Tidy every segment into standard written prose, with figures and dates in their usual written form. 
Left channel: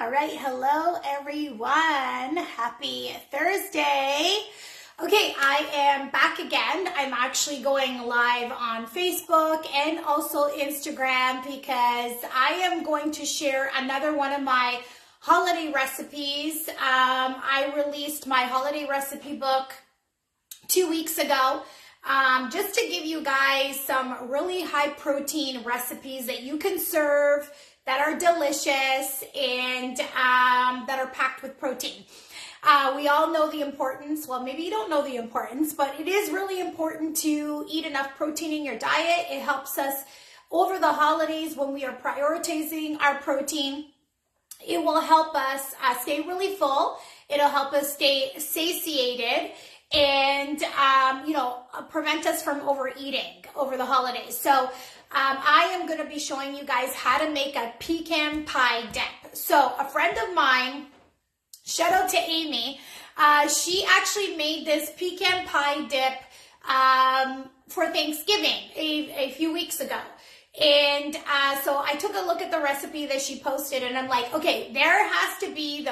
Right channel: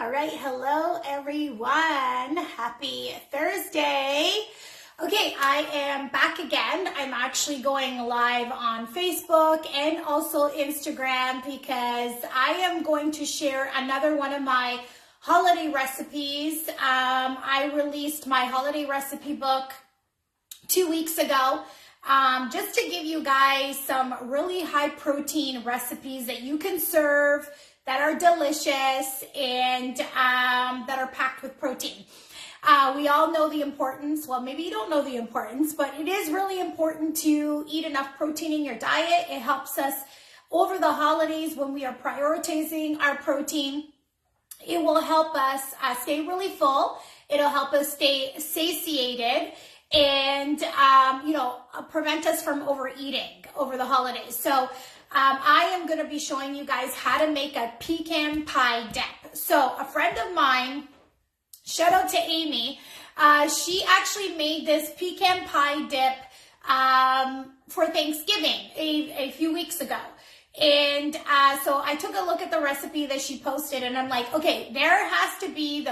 All right, hello everyone. Happy Thursday. Okay, I am back again. I'm actually going live on Facebook and also Instagram because I am going to share another one of my holiday recipes. I released my holiday recipe book 2 weeks ago. Just to give you guys some really high protein recipes that you can serve that are delicious and that are packed with protein. We all know the importance, well, maybe you don't know the importance, but it is really important to eat enough protein in your diet. It helps us over the holidays when we are prioritizing our protein. It will help us stay really full. It'll help us stay satiated and, prevent us from overeating over the holidays. So I am going to be showing you guys how to make a pecan pie dip. So a friend of mine, shout out to Amy, she actually made this pecan pie dip for Thanksgiving a few weeks ago. And so I took a look at the recipe that she posted and I'm like, okay, there has to be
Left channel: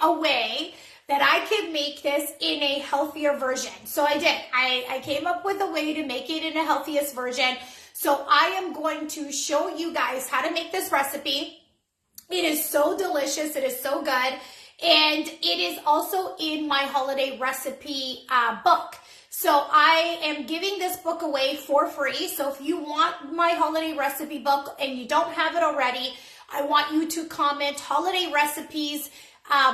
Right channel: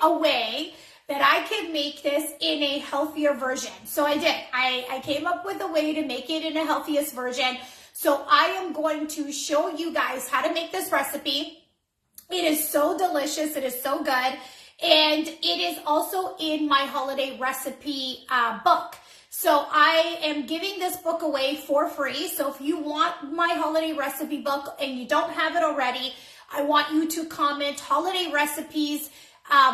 a way that I could make this in a healthier version. So I did. I came up with a way to make it in a healthiest version. So I am going to show you guys how to make this recipe. It is so delicious. It is so good. And it is also in my holiday recipe book. So I am giving this book away for free. So if you want my holiday recipe book and you don't have it already, I want you to comment holiday recipes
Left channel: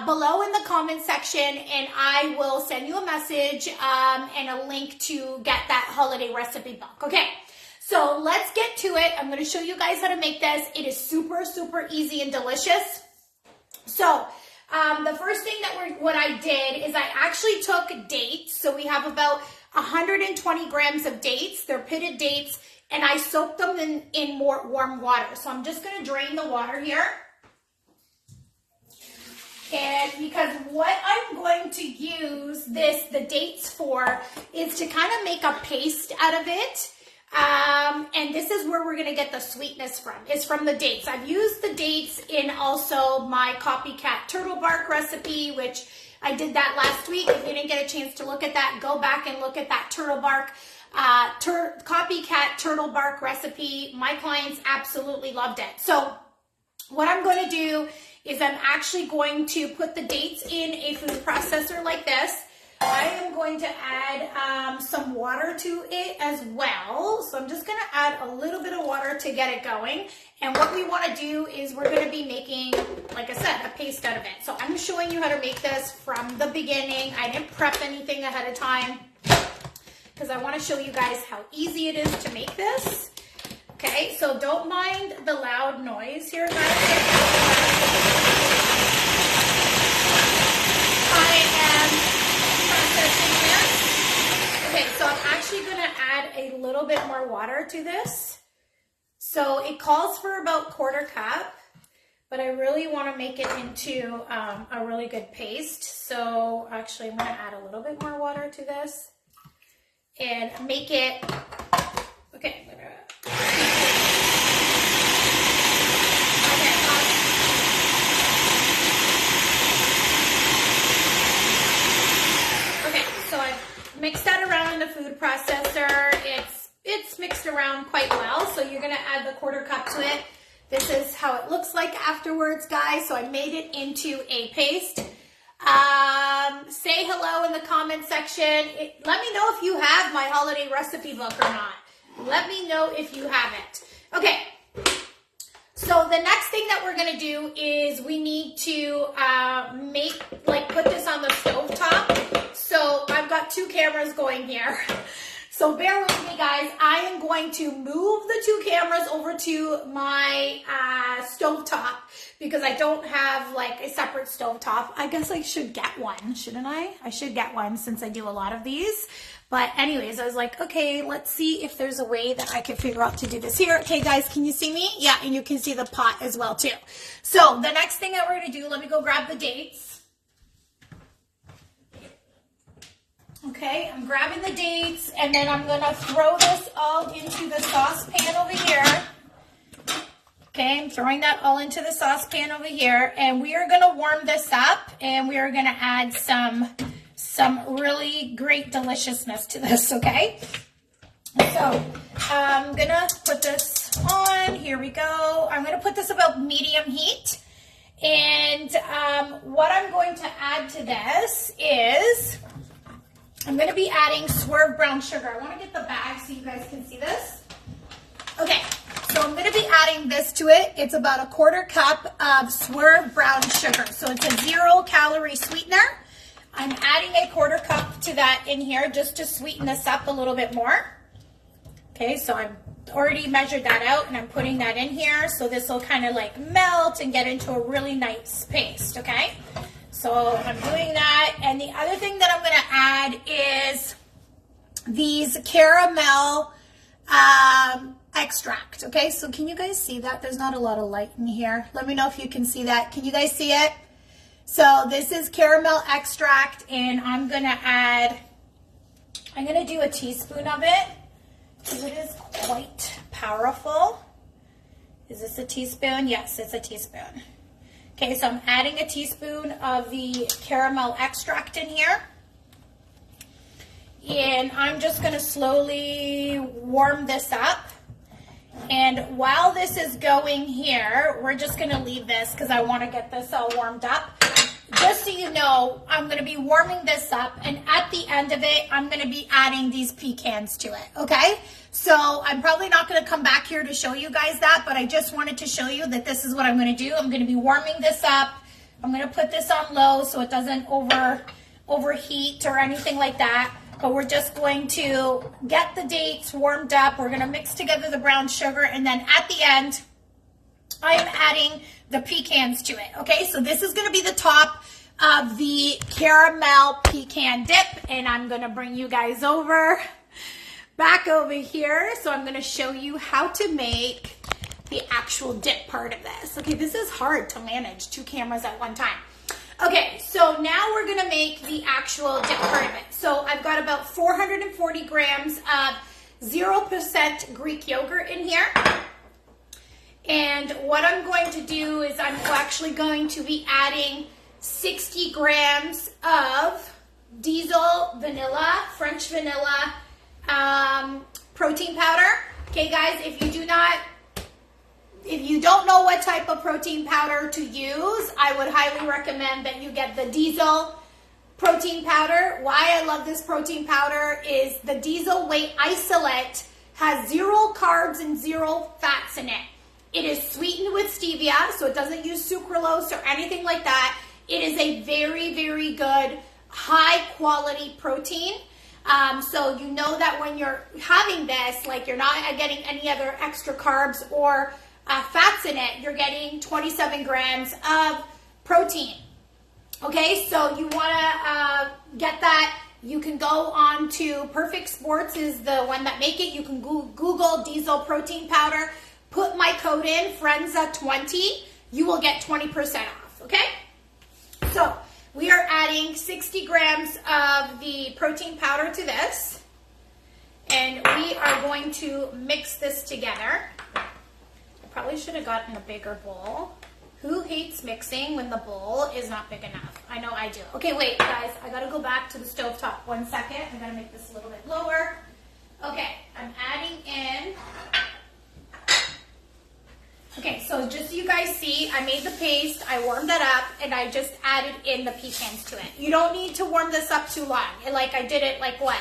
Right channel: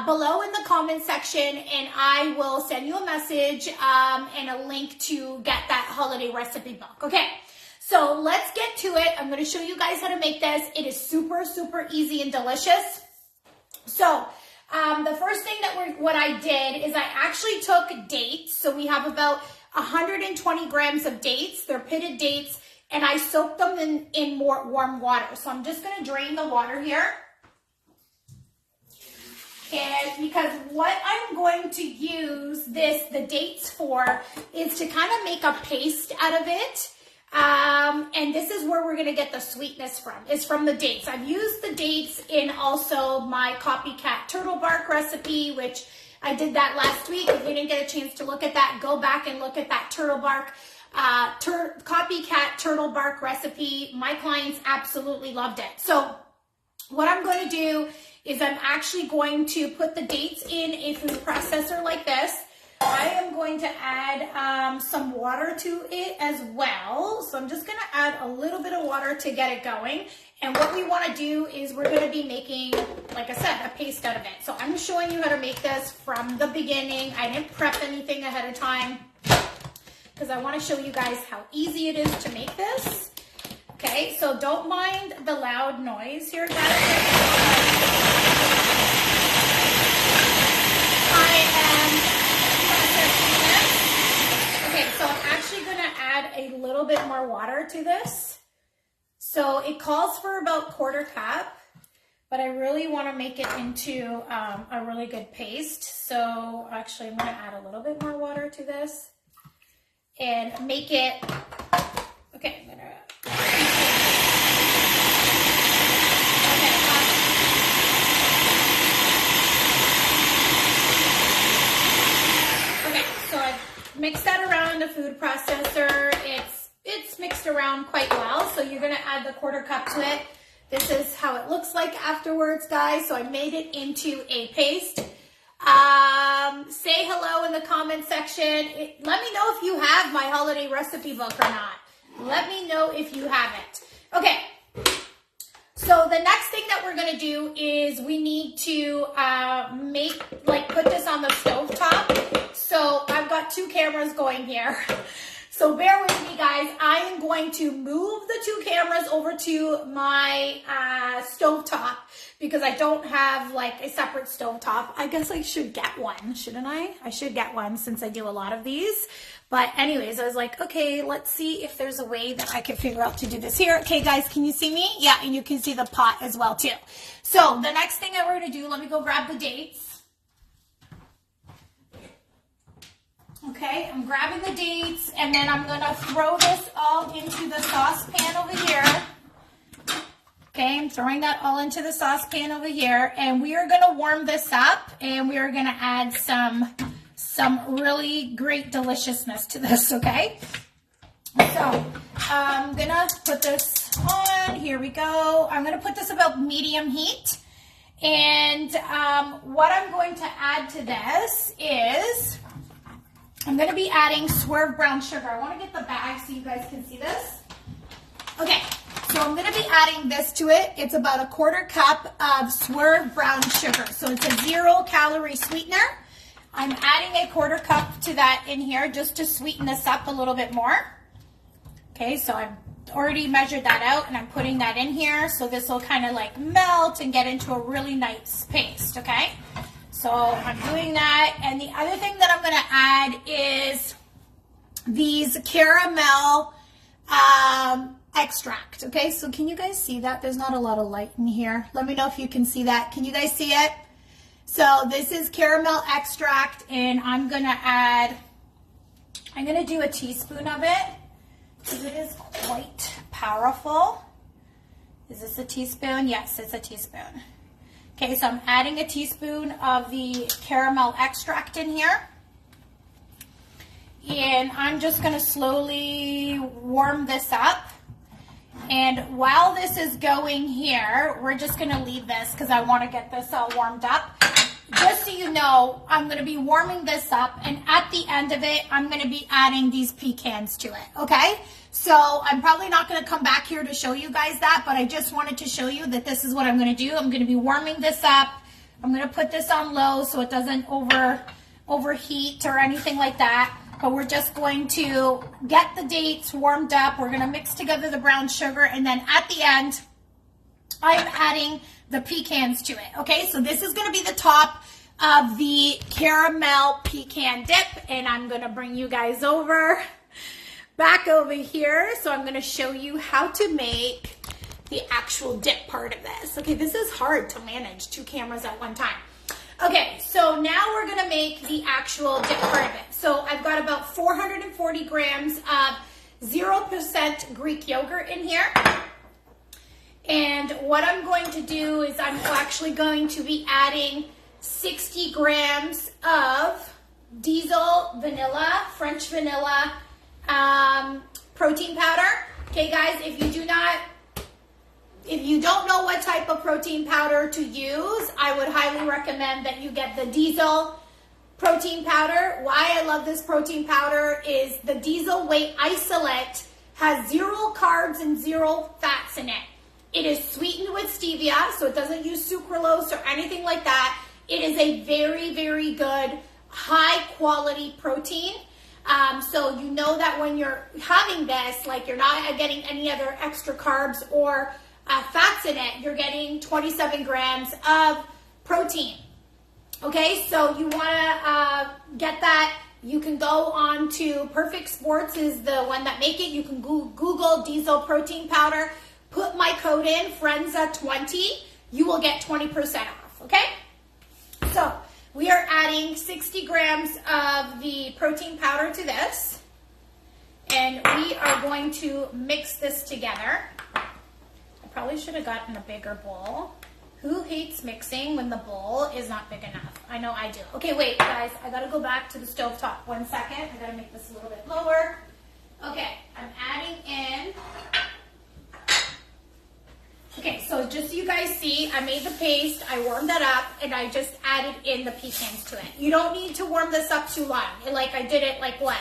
below in the comment section, and I will send you a message and a link to get that holiday recipe book. Okay, so let's get to it. I'm going to show you guys how to make this. It is super, super easy and delicious. So the first thing what I did is I actually took dates. So we have about 120 grams of dates. They're pitted dates, and I soaked them in more warm water. So I'm just going to drain the water here. And because what I'm going to use the dates for is to kind of make a paste out of it. And this is where we're going to get the sweetness from. It's from the dates. I've used the dates in also my copycat turtle bark recipe, which I did that last week. If you didn't get a chance to look at that, go back and look at that turtle bark, copycat turtle bark recipe. My clients absolutely loved it. So what I'm going to do is I'm actually going to put the dates in a food processor like this. I am going to add some water to it as well. So I'm just going to add a little bit of water to get it going. And what we want to do is we're going to be making, like I said, a paste out of it. So I'm showing you how to make this from the beginning. I didn't prep anything ahead of time because I want to show you guys how easy it is to make this. Okay, so don't mind the loud noise here, guys. Okay, so I'm actually going to add a little bit more water to this. So it calls for about 1/4 cup, but I really want to make it into a really good paste. So actually I'm going to add a little bit more water to this and make it, okay, I'm going to, mix that around in the food processor. It's mixed around quite well, so you're going to add the 1/4 cup to it. This is how it looks like afterwards, guys. So I made it into a paste. Say hello in the comment section. Let me know if you have my holiday recipe book or not. Let me know if you have it. Okay. So the next thing that we're going to do is we need to put this on the stove top. So I've got 2 cameras going here. So bear with me, guys. I am going to move the 2 cameras over to my stove top because I don't have like a separate stove top. I guess I should get one, shouldn't I? I should get one since I do a lot of these. But anyways, I was like, okay, let's see if there's a way that I can figure out to do this here. Okay, guys, can you see me? Yeah, and you can see the pot as well, too. So the next thing that we're going to do, let me go grab the dates. Okay, I'm grabbing the dates, and then I'm going to throw this all into the saucepan over here. Okay, I'm throwing that all into the saucepan over here, and we are gonna warm this up, and we are gonna add some really great deliciousness to this, okay? So I'm gonna put this on, here we go. I'm gonna put this about medium heat, and what I'm going to add to this is, I'm gonna be adding Swerve brown sugar. I wanna get the bag so you guys can see this. Okay, so I'm gonna be adding this to it. It's about a 1/4 cup of Swerve brown sugar. So it's a 0-calorie sweetener. I'm adding a 1/4 cup to that in here just to sweeten this up a little bit more. Okay, so I've already measured that out and I'm putting that in here. So this will kind of like melt and get into a really nice paste, okay? So I'm doing that. And the other thing that I'm gonna add is these caramel extract, okay? So can you guys see that? There's not a lot of light in here. Let me know if you can see that. Can you guys see it? So this is caramel extract, and I'm gonna do a teaspoon of it because it is quite powerful. Is this a teaspoon? Yes, it's a teaspoon. Okay, so I'm adding a teaspoon of the caramel extract in here. And I'm just gonna slowly warm this up. And while this is going here, we're just gonna leave this because I wanna get this all warmed up. Just so you know, I'm gonna be warming this up, and at the end of it, I'm gonna be adding these pecans to it, okay? So I'm probably not gonna come back here to show you guys that, but I just wanted to show you that this is what I'm gonna do. I'm gonna be warming this up. I'm gonna put this on low so it doesn't overheat or anything like that. But we're just going to get the dates warmed up. We're gonna mix together the brown sugar, and then at the end, I'm adding the pecans to it, okay? So this is gonna be the top of the caramel pecan dip, and I'm gonna bring you guys back over here. So I'm gonna show you how to make the actual dip part of this. Okay, this is hard to manage 2 cameras at one time. Okay, so now we're gonna make the actual dip part of it. So I've got about 440 grams of 0% Greek yogurt in here. And what I'm going to do is I'm actually going to be adding 60 grams of diesel vanilla, French vanilla protein powder. Okay, guys, if you don't know what type of protein powder to use, I would highly recommend that you get the diesel protein powder. Why I love this protein powder is the diesel whey isolate has 0 carbs and 0 fats in it. It is sweetened with stevia, so it doesn't use sucralose or anything like that. It is a very, very good, high quality protein. So you know that when you're having this, like you're not getting any other extra carbs or fats in it, you're getting 27 grams of protein. Okay, so you want to get that. You can go on to Perfect Sports is the one that make it. You can Google diesel protein powder. Put my code in, Frenza20. You will get 20% off, okay? So we are adding 60 grams of the protein powder to this. And we are going to mix this together. Probably should have gotten a bigger bowl. Who hates mixing when the bowl is not big enough? I know I do. Okay, wait, guys. I gotta go back to the stovetop. 1 second. I gotta make this a little bit lower. Okay, I'm adding in. Okay, so just so you guys see, I made the paste, I warmed that up, and I just added in the pecans to it. You don't need to warm this up too long. Like I did it like what?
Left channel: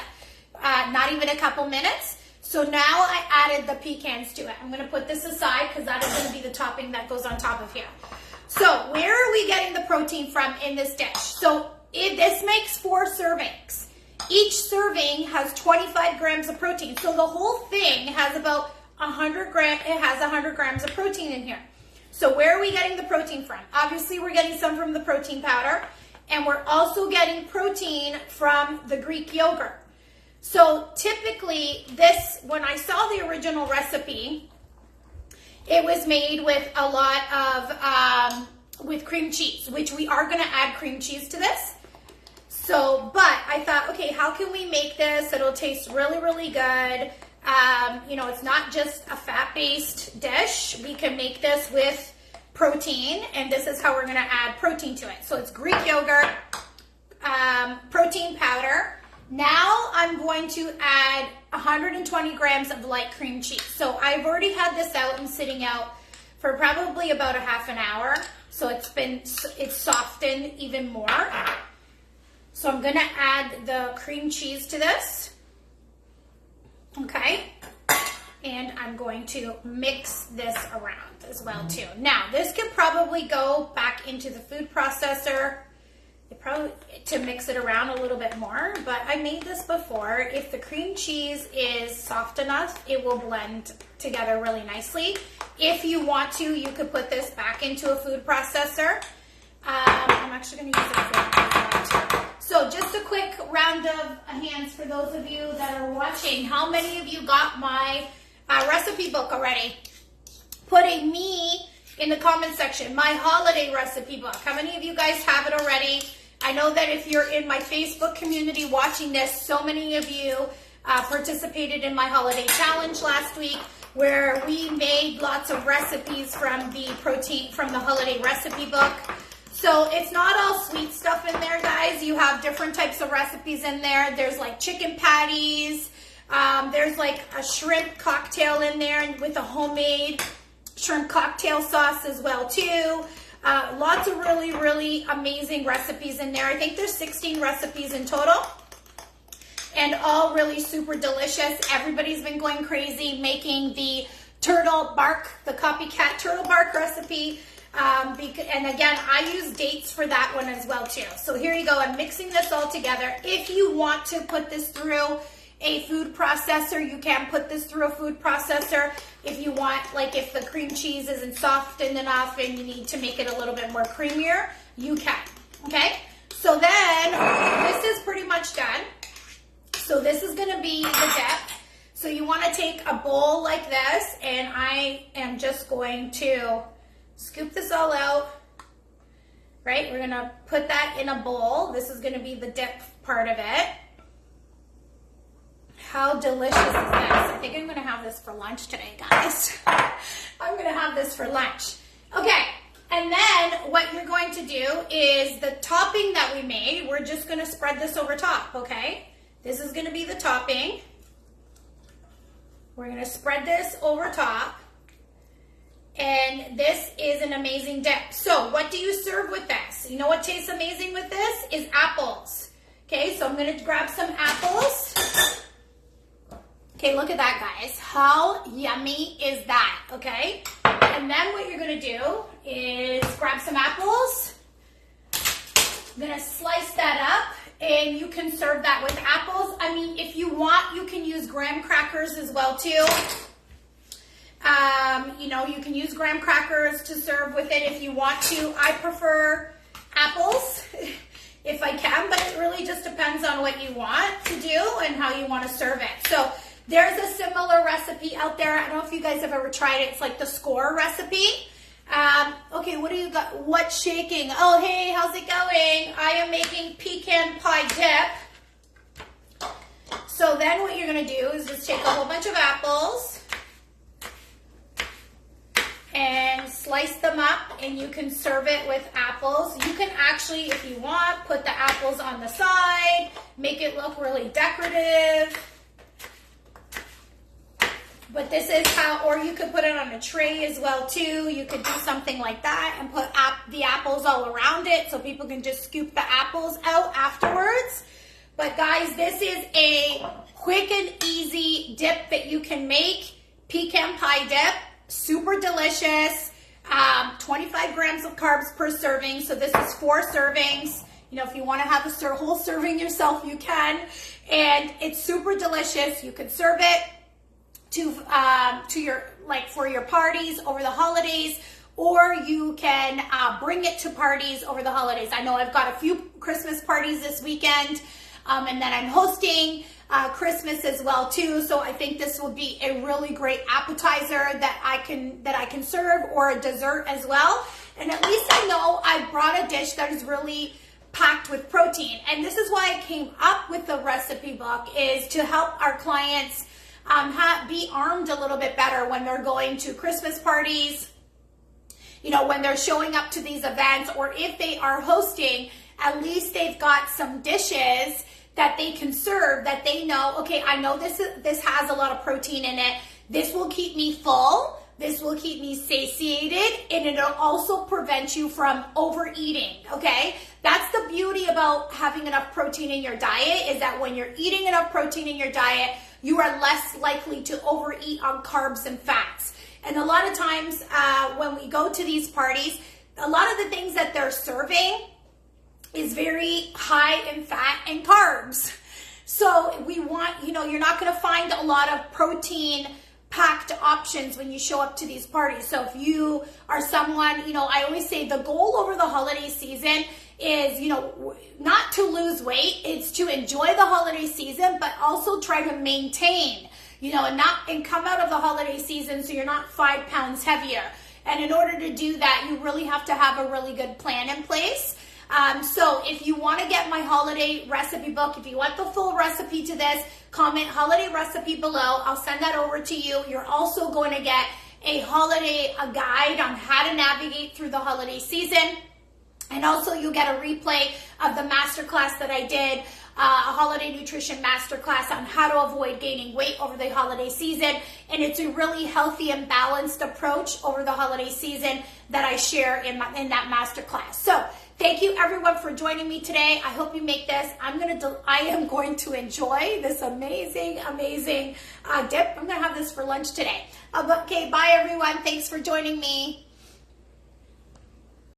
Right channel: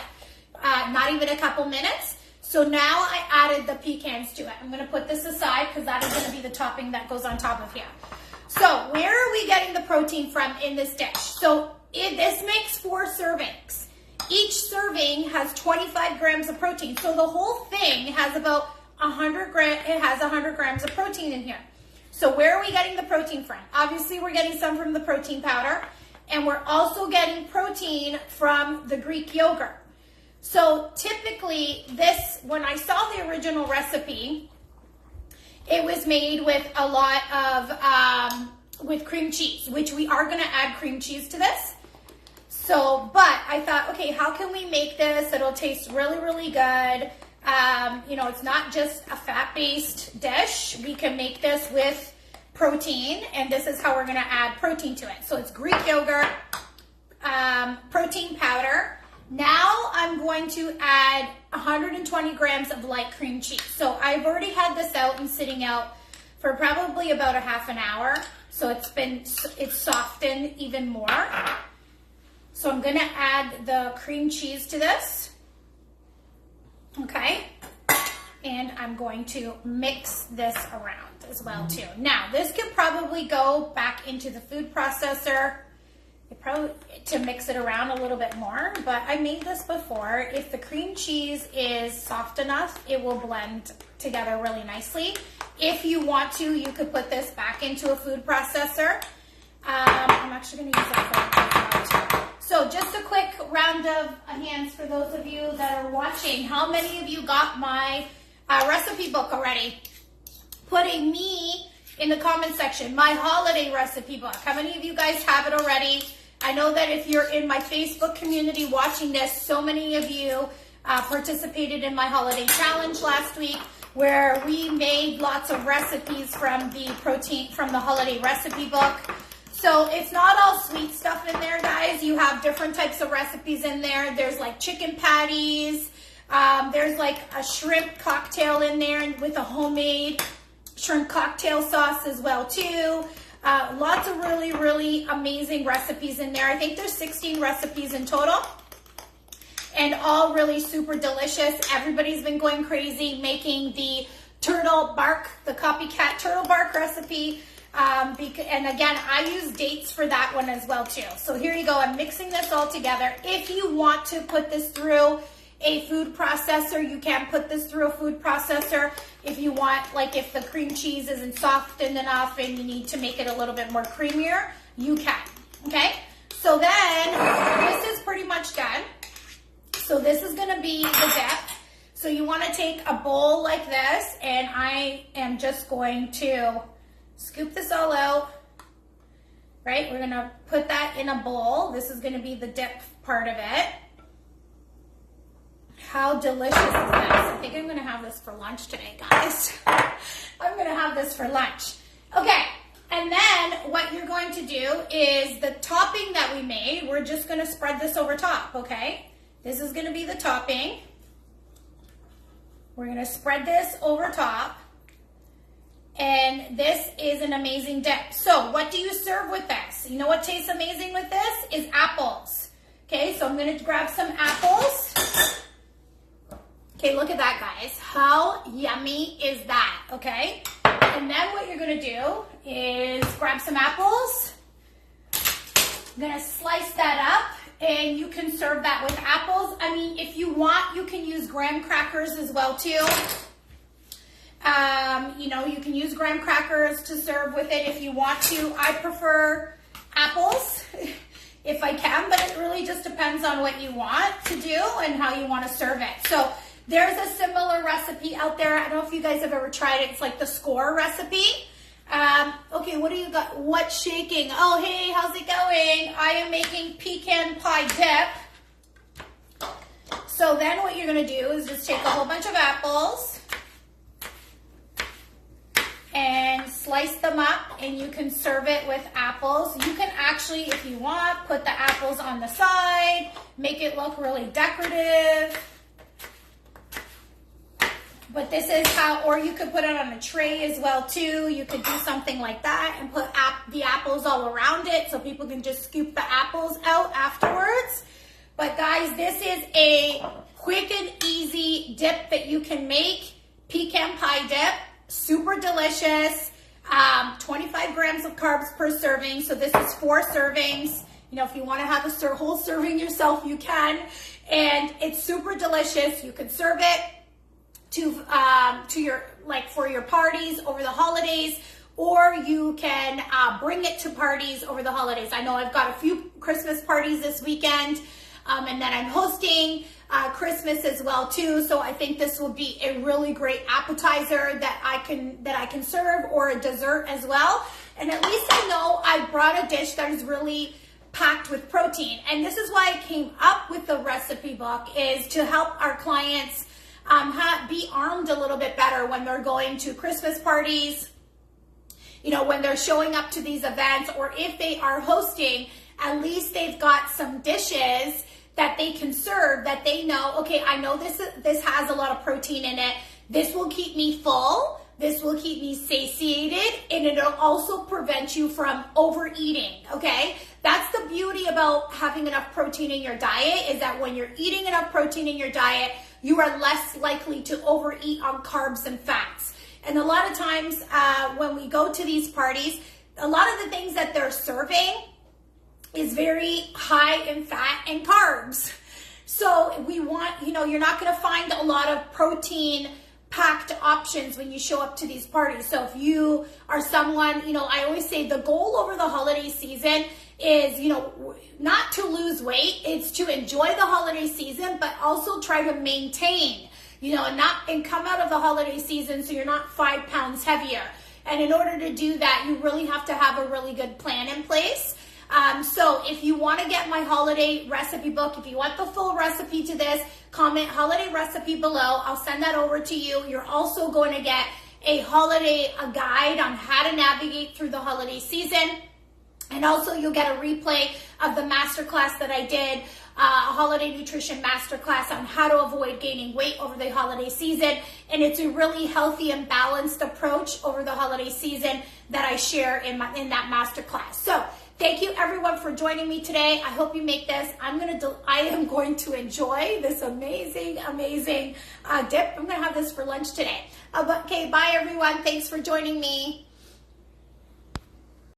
Not even a couple minutes. So now I added the pecans to it. I'm gonna put this aside because that is gonna be the topping that goes on top of here. So where are we getting the protein from in this dish? So this makes 4 servings. Each serving has 25 grams of protein. So the whole thing has about 100 grams of protein in here. So where are we getting the protein from? Obviously we're getting some from the protein powder, and we're also getting protein from the Greek yogurt. So typically this, when I saw the original recipe, it was made with a lot of, with cream cheese, which we are gonna add cream cheese to this. So, but I thought, okay, how can we make this? It'll taste really, really good. You know, it's not just a fat-based dish. We can make this with protein, and this is how we're gonna add protein to it. So it's Greek yogurt, protein powder. Now I'm going to add 120 grams of light cream cheese. So I've already had this out and sitting out for probably about a half an hour. So it's softened even more. So I'm gonna add the cream cheese to this. Okay. And I'm going to mix this around as well too. Now this can probably go back into the food processor to mix it around a little bit more, but I made this before. If the cream cheese is soft enough, it will blend together really nicely. If you want to, you could put this back into a food processor. I'm actually going to use it for So just a quick round of hands for those of you that are watching. How many of you got my recipe book already? Put a me in the comment section, my holiday recipe book. How many of you guys have it already? I know that if you're in my Facebook community watching this, so many of you participated in my holiday challenge last week, where we made lots of recipes from the holiday recipe book. So it's not all sweet stuff in there, guys. You have different types of recipes in there. There's like chicken patties. There's like a shrimp cocktail in there with a homemade shrimp cocktail sauce as well too. Lots of really, really amazing recipes in there. I think there's 16 recipes in total, and all really super delicious. Everybody's been going crazy making the turtle bark, the copycat turtle bark recipe. And again, I use dates for that one as well too. So here you go. I'm mixing this all together. If you want to put this through a food processor, you can put this through a food processor. If you want, like if the cream cheese isn't softened enough and you need to make it a little bit more creamier, you can, okay? So then, this is pretty much done. So this is gonna be the dip. So you wanna take a bowl like this, and I am just going to scoop this all out, right? We're gonna put that in a bowl. This is gonna be the dip part of it. How delicious is this? I think I'm gonna have this for lunch today, guys. I'm gonna have this for lunch. Okay, and then what you're going to do is the topping that we made, we're just gonna spread this over top, okay? This is gonna be the topping. We're gonna spread this over top. And this is an amazing dip. So what do you serve with this? You know what tastes amazing with this? Is apples. Okay, so I'm gonna grab some apples. Okay, look at that, guys. How yummy is that, okay? And then what you're gonna do is grab some apples. I'm gonna slice that up, and you can serve that with apples. I mean, if you want, you can use graham crackers as well too. You know, you can use graham crackers to serve with it if you want to. I prefer apples if I can, but it really just depends on what you want to do and how you want to serve it. So there's a similar recipe out there. I don't know if you guys have ever tried it. It's like the score recipe. Okay, what do you got? What's shaking? Oh, hey, how's it going? I am making pecan pie dip. So then what you're going to do is just take a whole bunch of apples and slice them up, and you can serve it with apples. You can actually, if you want, put the apples on the side, make it look really decorative. But this is how, or you could put it on a tray as well too. You could do something like that and put the apples all around it so people can just scoop the apples out afterwards. But guys, this is a quick and easy dip that you can make. Pecan pie dip. Super delicious, 25 grams of carbs per serving. So this is 4 servings. You know, if you want to have a whole serving yourself, you can. And it's super delicious. You can serve it to your, like for your parties over the holidays, or you can bring it to parties over the holidays. I know I've got a few Christmas parties this weekend, and then I'm hosting Christmas as well too. So I think this will be a really great appetizer that I can serve, or a dessert as well. And at least I know I brought a dish that is really packed with protein. And this is why I came up with the recipe book, is to help our clients be armed a little bit better when they're going to Christmas parties, when they're showing up to these events, or if they are hosting, at least they've got some dishes that they can serve that they know, okay, I know this has a lot of protein in it. This will keep me full. This will keep me satiated, and it'll also prevent you from overeating, okay? That's the beauty about having enough protein in your diet, is that when you're eating enough protein in your diet, you are less likely to overeat on carbs and fats. And a lot of times when we go to these parties, a lot of the things that they're serving is very high in fat and carbs. So we want, you're not going to find a lot of protein packed options when you show up to these parties. So if you are someone, I always say the goal over the holiday season is, not to lose weight. It's to enjoy the holiday season, but also try to maintain, and come out of the holiday season so you're not 5 pounds heavier. And in order to do that, you really have to have a really good plan in place. So if you want to get my holiday recipe book, if you want the full recipe to this, comment holiday recipe below. I'll send that over to you. You're also going to get a guide on how to navigate through the holiday season. And also you'll get a replay of the masterclass that I did, a holiday nutrition masterclass on how to avoid gaining weight over the holiday season. And it's a really healthy and balanced approach over the holiday season that I share in that masterclass. So thank you everyone for joining me today. I hope you make this. I am going to enjoy this amazing dip. I'm going to have this for lunch today. Okay, bye everyone. Thanks for joining me.